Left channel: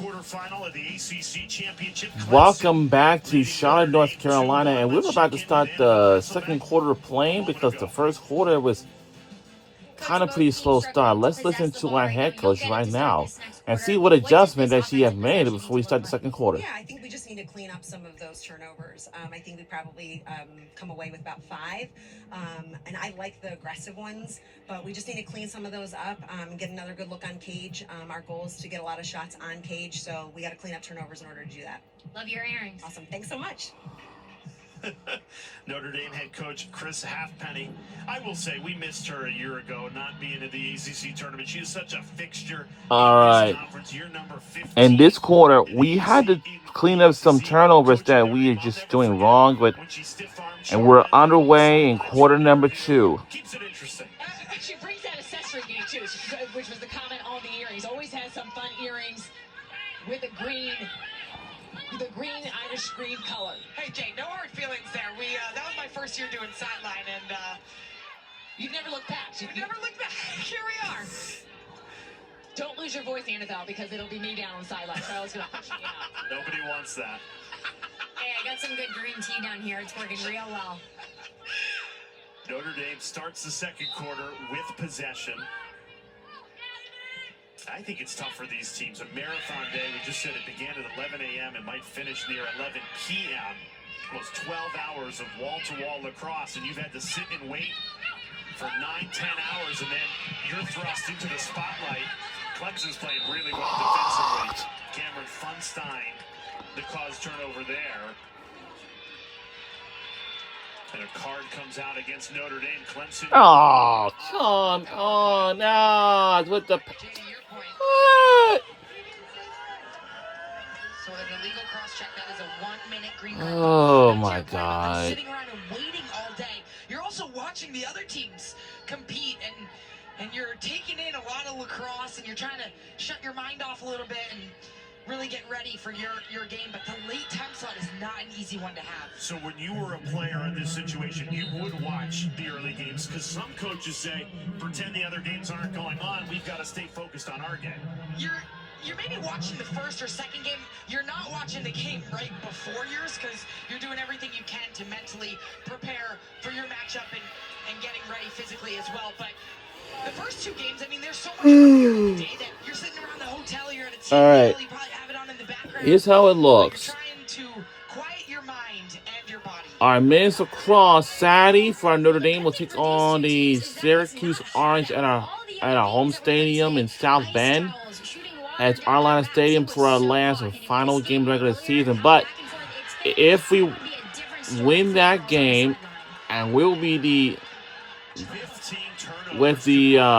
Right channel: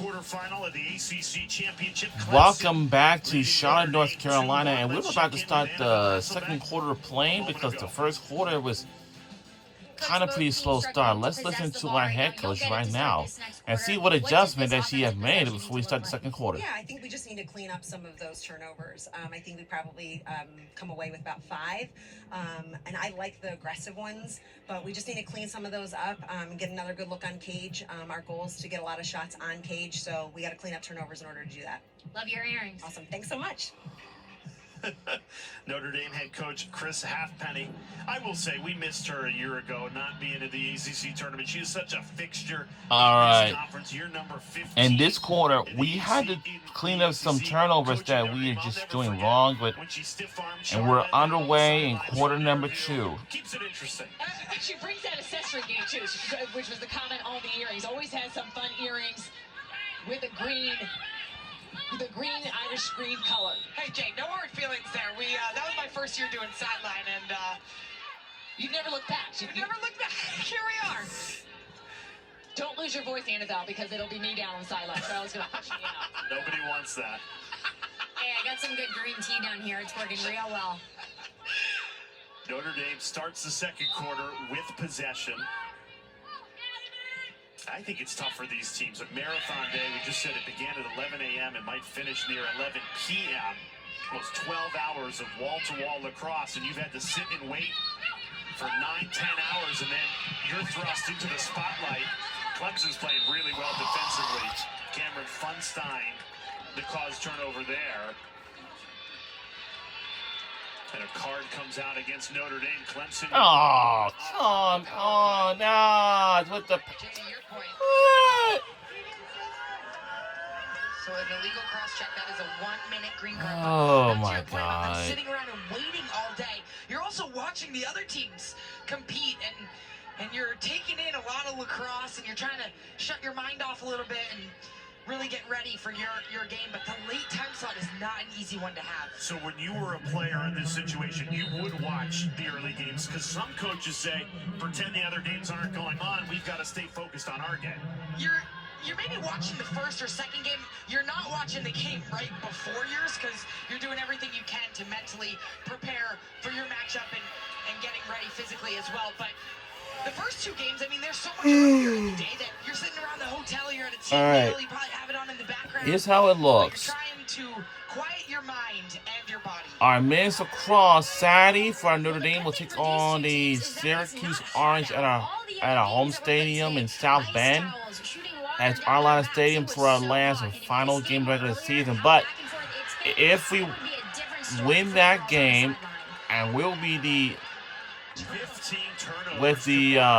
quarterfinal of the ACC Championship. Welcome back to Charlotte, North Carolina, and we're about to start the second quarter of playing because the first quarter was kind of pretty slow start. Let's listen to our head coach right now and see what adjustment that she has made before we start the second quarter. Yeah, I think we just need to clean up some of those turnovers. I think we probably come away with about 5. And I like the aggressive ones, but we just need to clean some of those up, get another good look on Cage. Our goal is to get a lot of shots on Cage, so we got to clean up turnovers in order to do that. Love your earrings. Awesome. Thanks so much. Notre Dame head coach Chris Halfpenny. I will say we missed her a year ago not being at the ACC tournament. She is such a fixture. All right. Year number 15. In this quarter, we had to clean up some turnovers that we are just doing wrong, and we're underway in quarter number 2. Keeps it interesting. She brings that accessory game too, which was the comment on the earrings. Always has some fun earrings with a green. The green Irish green color. Hey Jay, no hard feelings there. That was my first year doing sideline, and you've never looked back. You've never looked back. Here we are. Don't lose your voice, Annabelle, because it'll be me down on the sideline. So I was gonna push me out. Nobody wants that. Hey, I got some good green tea down here. It's working real well. Notre Dame starts the second quarter with possession. I think it's tough for these teams. A marathon day, we just said it began at 11 a.m. and might finish near 11 p.m. Almost 12 hours of wall-to-wall lacrosse, and you've had to sit and wait for 9-10 hours, and then you're thrust into the spotlight. Clemson's playing really well defensively. Cameron Funstein, the cause turnover there. And a card comes out against Notre Dame. Clemson. Oh, come on. Nah, with the... What? So an illegal cross-check, that is a 1-minute green card. Oh, my Point about them God. sitting around and waiting all day. You're also watching the other teams compete, and you're taking in a lot of lacrosse, and you're trying to shut your mind off a little bit and really get ready for your game, but the late time slot is not an easy one to have. So when you were a player in this situation, you would watch the early games, because some coaches say, pretend the other games aren't going on, we've got to stay focused on our game. You're maybe watching the first or second game. You're not watching the game right before yours, because you're doing everything you can to mentally prepare for your matchup and getting ready physically as well. But the first 2 games, I mean, there's so much earlier in the day that you're sitting around the hotel, you're at a team meal, you probably have it on in the background. Here's how it looks. You're trying to quiet your mind and your body. Our men's lacrosse Saturday for our Notre Dame will take on the Syracuse Orange at our home stadium in South Bend. At Arlington Stadium for our last and final game of the regular season. But if we win that game, and we'll be with the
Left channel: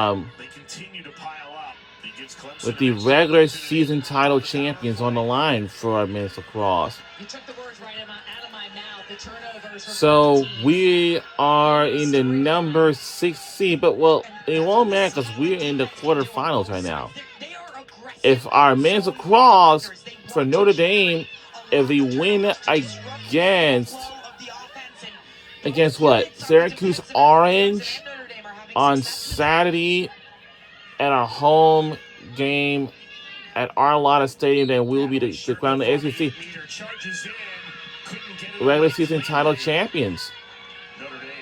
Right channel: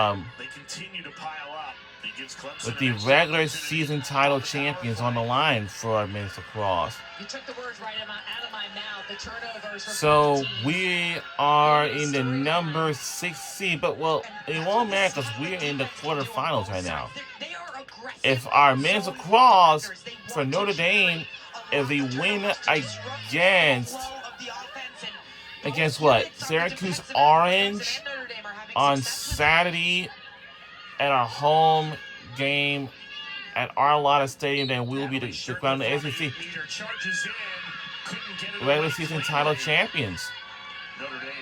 regular season title champions on the line for our men's lacrosse. You took the words right out of my mouth. The turnovers. So we are in the number 6 seed, but well, it won't matter because we're in the quarterfinals right now. If our men's lacrosse for Notre Dame, if we win against what? Syracuse Orange on Saturday at our home game at Arlington Stadium, then we'll be the crowned SEC regular season title champions.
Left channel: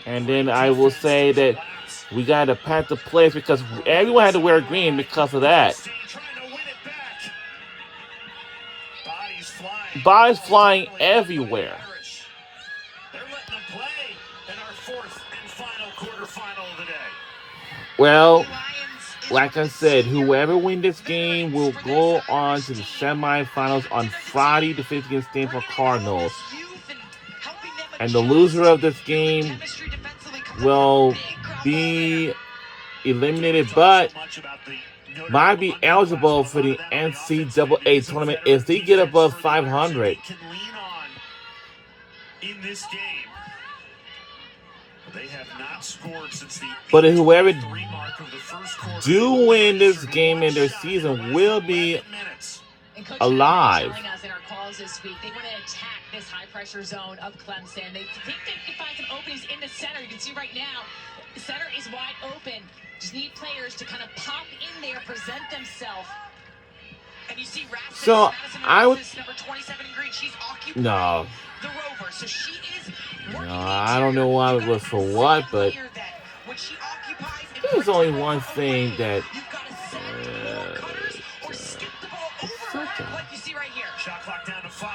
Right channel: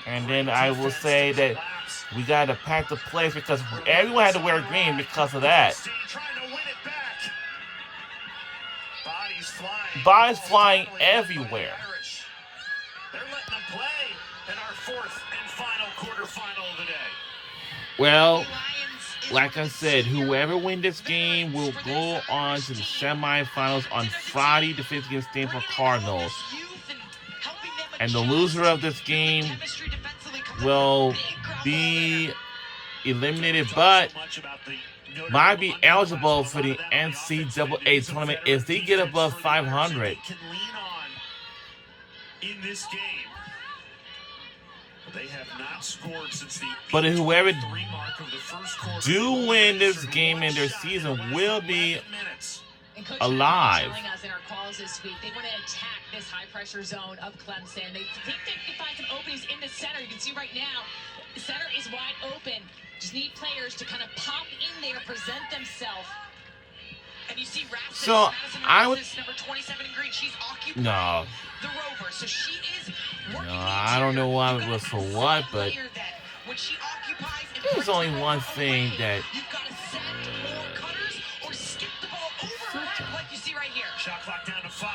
And then I will say that we got to pack the place because everyone had to wear green because of that. Bodies flying everywhere. They're letting them play in our 4th and final quarterfinal of the day. Well, like I said, whoever wins this game will go on to the semifinals on Friday to face against Stanford Cardinals. And the loser of this game will be eliminated, but might be eligible for the NCAA tournament if they get above 500. In this game, they have not scored since the but whoever do win this game in their season will be alive. In our calls this week, they want to attack this high-pressure zone of Clemson. They think they can find some openings in the center. You can see right now, the center is wide open. Just need players to kind of pop in there, present themselves. And you see Rasmus, So, Madison I would- Rasmus, number 27 in green. She's occupying No. the rover, so she is working No, the I don't know why interior. it was You've for gotta what, set but layer then. When she occupies and there's brings only the one rover thing away, that you've got to send more cutters or skip the ball over her head, like you see right here. Shot clock down to 5.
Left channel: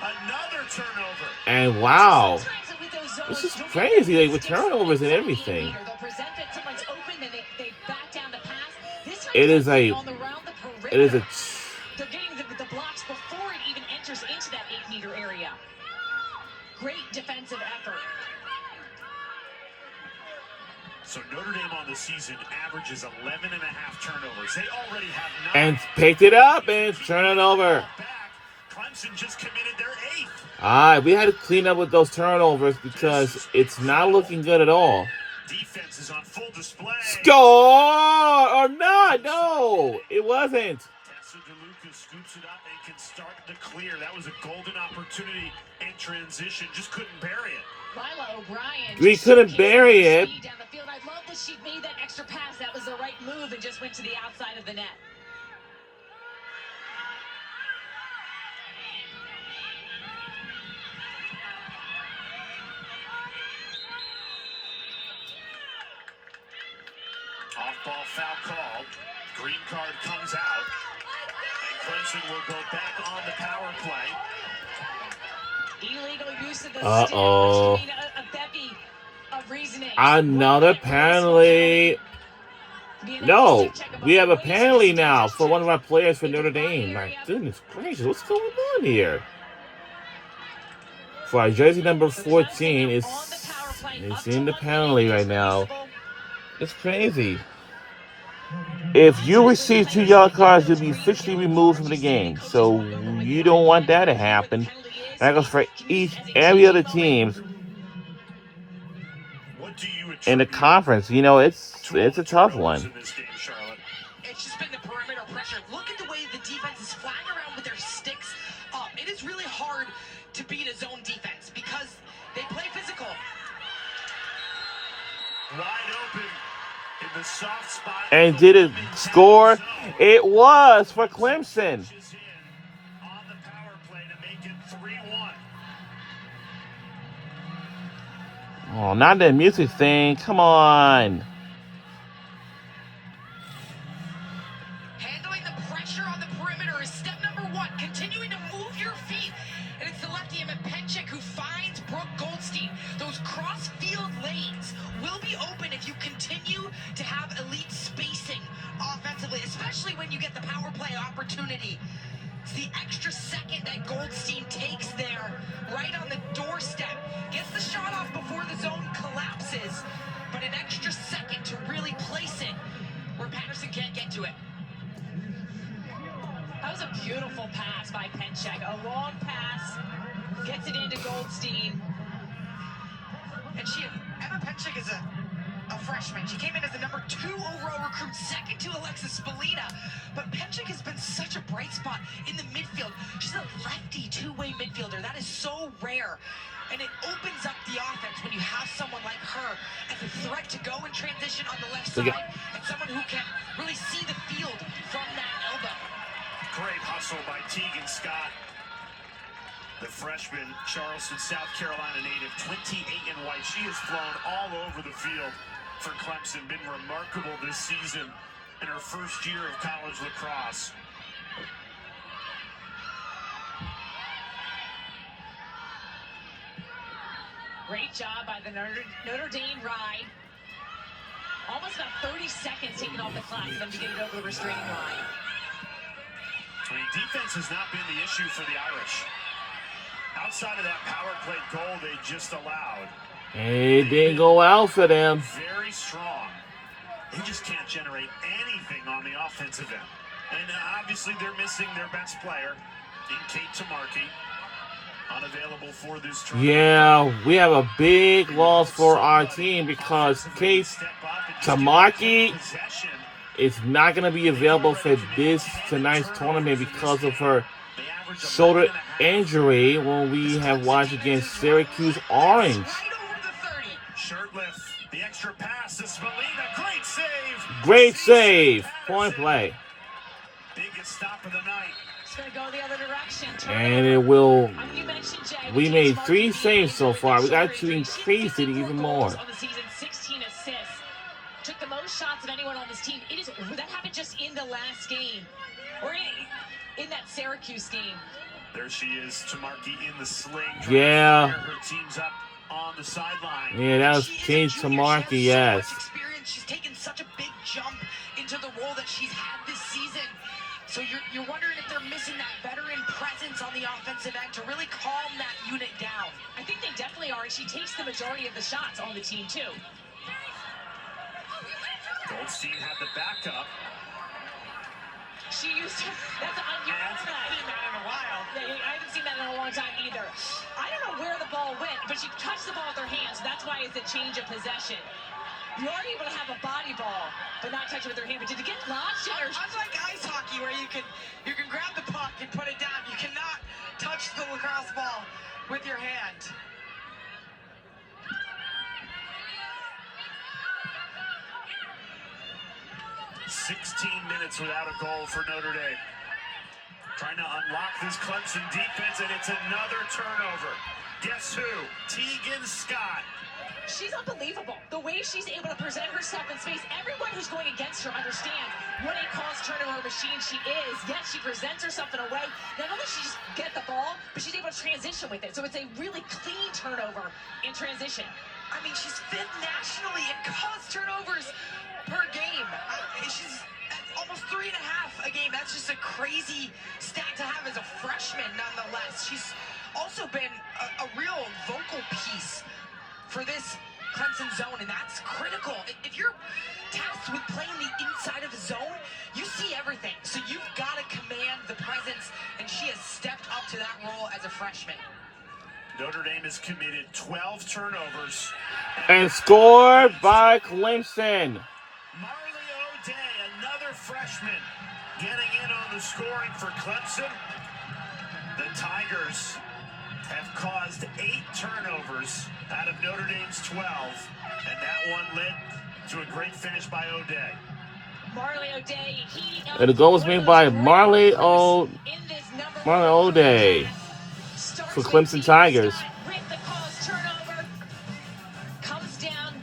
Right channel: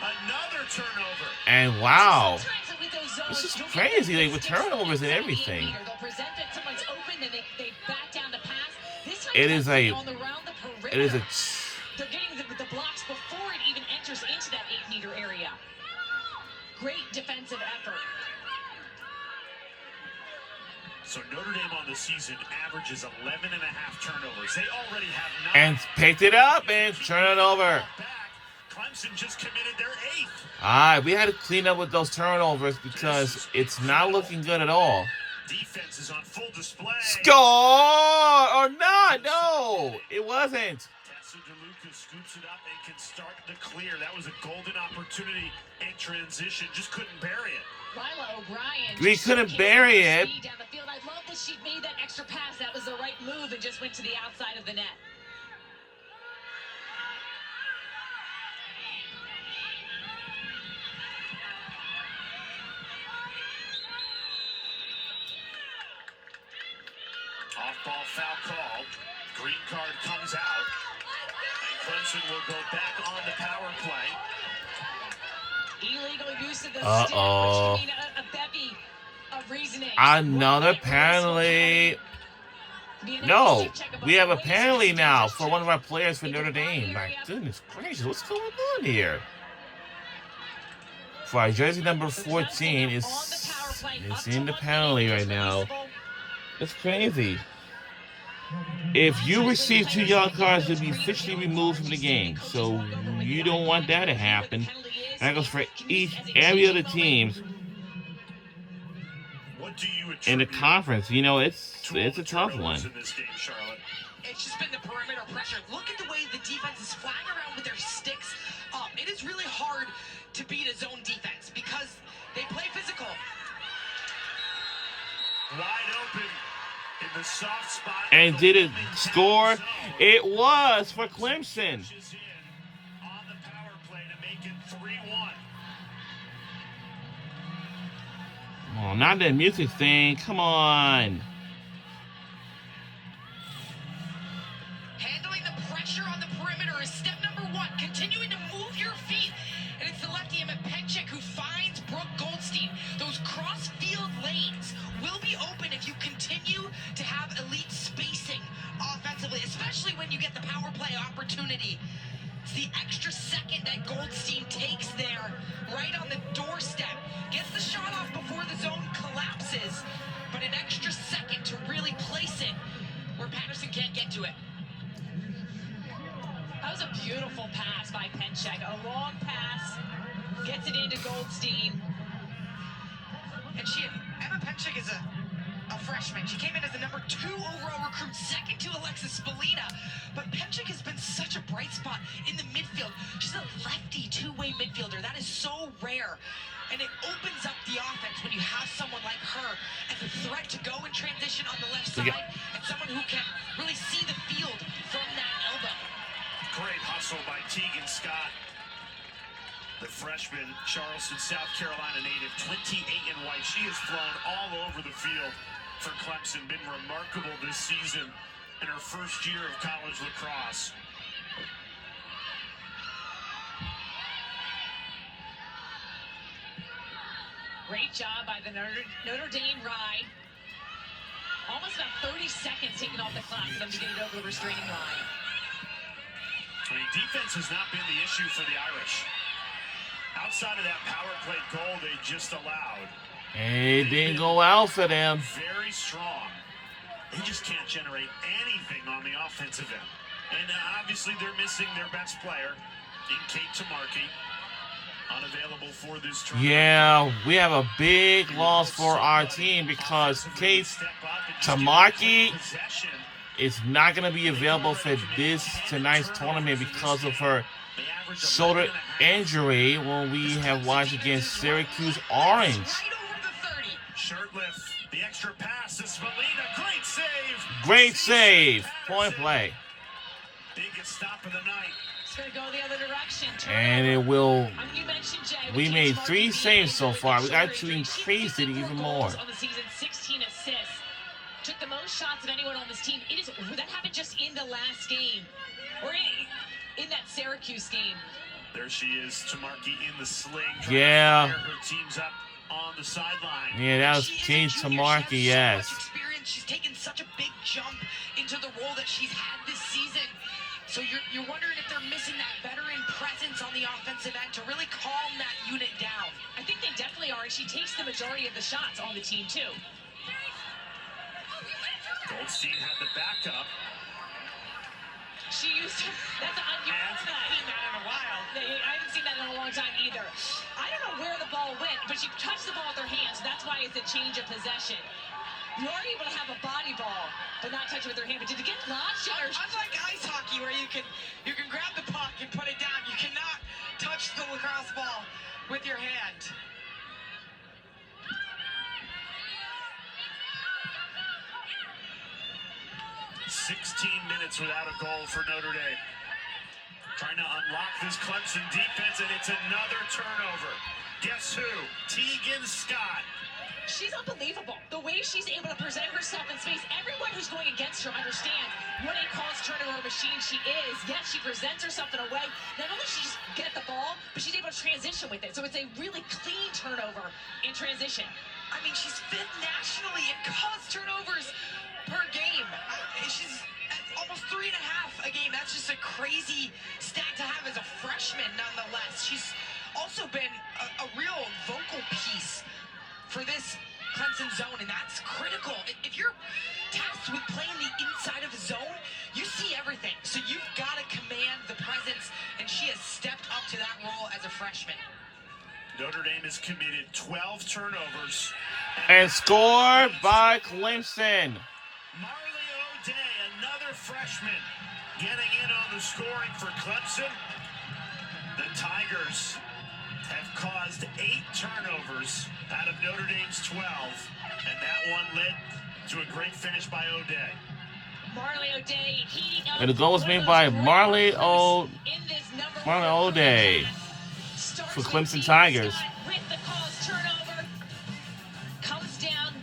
Another turnover. and wow, Sometimes with those zones, this is you'll get crazy, those like with skips turnovers and inside the everything. 8 meter. They'll present that someone's open, then they back down the pass. This time It is Clemson a- on the round the perimeter. it is a They're getting the blocks before it even enters into that 8 meter area. Great defensive effort. So Notre Dame on the season averages 11.5 turnovers. They already have 9. and picked it up and turn it over. Back. Clemson just committed their 8th. All right, we had to clean up with those turnovers because it's not looking good at all. Defense is on full display. Score or not? No, it wasn't. Tessa DeLuca scoops it up and can start the clear. That was a golden opportunity in transition. Just couldn't bury it. Lila O'Brien. We just couldn't showcased bury her it. speed down the field. I love that she made that extra pass. That was the right move and just went to the outside of the net. Off-ball foul called. Green card comes out. And Clemson will go back on the power play. Illegal use of the Uh-oh. stick, which you need a bevy of reasoning. Another penalty. The No, analysis check about we have a the waste penalty of now stage for one of our players for in the Notre body Dame. My area. goodness gracious, what's going on here? For our jersey number So 14 Clemson is on the power play, up is to in the 1 penalty minute, right is now. reasonable. It's crazy. If you receive 2 yellow cards, you'll be officially removed from the game. So you don't want that to happen. That goes for every other teams What do you in the attribute conference. You know, it's to all a the tough turnovers one. in this game, Charlotte? It's just been the perimeter pressure. Look at the way the defense is flying around with their sticks up. It is really hard to beat a zone defense because they play physical. Wide open in the soft spot. And of did the it Lemon score? zone. It was for Clemson. Pushes in on the power play to make it 3-1. Oh, not that music thing. Come on. Handling the pressure on the perimeter is step number 1. Continuing to move your feet. And it's the lefty Emma Penchik who finds Brooke Goldstein. Those cross-field lanes will be open if you continue to have elite spacing offensively, especially when you get the power play opportunity. It's the extra second that Goldstein takes there, right on the doorstep. Gets the shot off before the zone collapses, but an extra second to really place it where Patterson can't get to it. That was a beautiful pass by Penchek. A long pass, gets it into Goldstein. And Emma Penchik is a freshman. She came in as the number 2 overall recruit, second to Alexis Spallina. But Penchik has been such a bright spot in the midfield. She's a lefty two-way midfielder. That is so rare. And it opens up the offense when you have someone like her as a threat to go in transition on the left Look side at- and someone who can really see the field from that elbow. Great hustle by Tegan Scott. The freshman, Charleston, South Carolina native, 28 in white. She has flown all over the field for Clemson, been remarkable this season in her first year of college lacrosse. Great job by the Notre Dame ride. Almost about 30 seconds taken off the clock for them to get it over the restraining line. I mean, defense has not been the issue for the Irish. Outside of that power play goal they just allowed, It didn't go out for them. very strong. They just can't generate anything on the offensive end. And obviously they're missing their best player in Kate Tamarki. Unavailable for this tournament. Yeah, we have a big loss for our team because Kate Tamarki is not going to be available for this tonight's tournament because of her shoulder injury when we have watched against Syracuse Orange. Right over the 30. Shirtlift, the extra pass to Spallina. Great save. Great save. Point play. Biggest stop of the night. It's going to go the other direction. And it will. You mentioned Jay. We made 3 Martin saves so far. We got to She increase it even more. On the season, 16 assists. Took the most shots of anyone on this team. That happened just in the last game, or in that Syracuse game. There she is, Tamarki in the sling. Yeah. Her team's up on the sideline. Yeah, that was She is a Kate junior. Tamarki, She has so yes. much experience. She's taken such a big jump into the role that she's had this season. So you're wondering if they're missing that veteran presence on the offensive end to really calm that unit down. I think they definitely are, and she takes the majority of the shots on the team too. Goldstein had the backup. She used to, that's an I haven't seen that in a while. I haven't seen that in a long time either. I don't know where the ball went, but she touched the ball with her hands. That's why it's a change of possession. You are able to have a body ball, but not touch it with your hand. But did it get launched? Unlike ice hockey, where you can grab the puck and put it down, you cannot touch the lacrosse ball with your hand. Minutes without a goal for Notre Dame. Trying to unlock this Clemson defense, and it's another turnover. Guess who? Tegan Scott. She's unbelievable. The way she's able to present herself in space. Everyone who's going against her understands what a calls turnover machine she is. Yes, she presents herself in a way. Not only does she just get the ball, but she's able to transition with it. So it's a really clean turnover in transition. I mean, she's 5th nationally in cause turnovers per game. She's at almost 3.5 a game. That's just a crazy stat to have as a freshman, nonetheless. She's also been a real vocal piece for this Clemson zone, and that's critical. If you're tasked with playing the inside of a zone, you see everything. So you've got to command the presence, and she has stepped up to that role as a freshman. Notre Dame has committed 12 turnovers. And scored by Clemson. Marley O'Day, another freshman, getting in on the scoring for Clemson. The Tigers have caused 8 turnovers out of Notre Dame's 12, and that one led to a great finish by O'Day. Marley O'Day heating up. And the goal was made by Marley O'Day for Clemson Tigers. With the cause turnover, comes down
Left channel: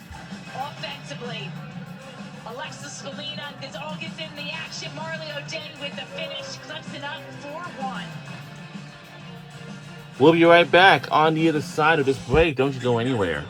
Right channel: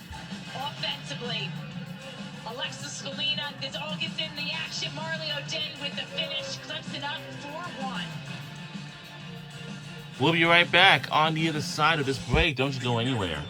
offensively. Alexis Scalina, this all gets in the action. Marley O'Day with the finish. Clemson up 4-1. We'll be right back on the other side of this break. Don't you go anywhere.